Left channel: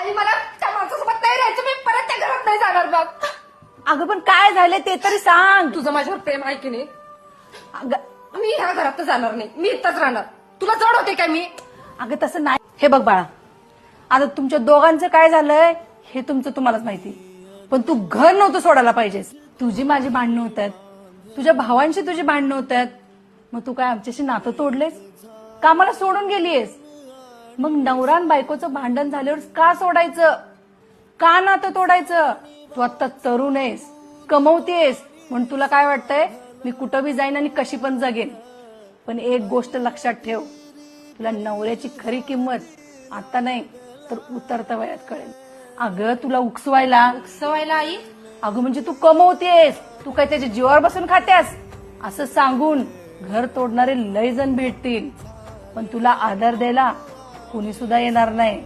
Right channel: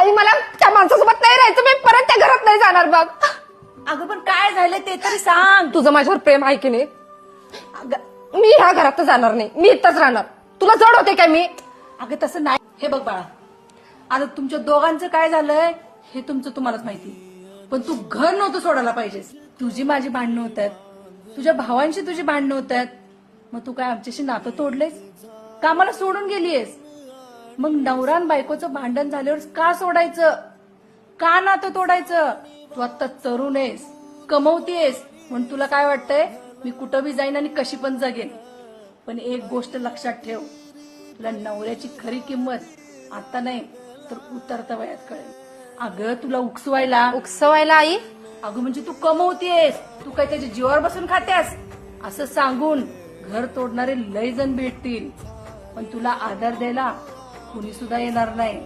आई मला त्या माणसासोबत नाही राहायचं, मी परत त्या घरात नाही जाणार बघ. अगं पण काय झालं ते तरी सांग. तुझं माझ्यावर प्रेम आहे की नाही? मी ह्या घरात जाणार नाही, मी इथंच राहणार. तुला जड होते काय मी? अगं तसं नाही. हे बघ बाळा, आता तुमच्या दोघांचं काय झालंय हे तुमचं तुम्हालाच माहिती, पण तू घर नव्हतं सोडायला पाहिजेस. तुझी माझी भांडणं होत आहेत, तुझ्या भावांशी तुझी भांडणं होत आहेत, मग तू काय आमच्याशी नातं तोडलेस, कामाला सोडून गेलीयस. मग नवरा आणि बायकोचं भांडण झाल्यावर का सोडायचं, का नातं तोडायचं? तू आता तरुण आहेस, कमवतेस, म्हणून तुला काय वाटतंय मी कुठं बी जाईन आणि कशी पण जगेन. पण एक गोष्ट लक्षात ठेव, तुला नवऱ्याची खरी किंमत आता नाही तर उतरत्या वयात कळेल. अगं तुला सवयला आई अगं म्हणजे तू कमवतेस, तू काय त्याच्या जीवावर बसून खात्यास असं सांगून घर तोडणारे लय जण भेटतील, पण तुला आधार द्यायला कुणी सुद्धा येणार नाही.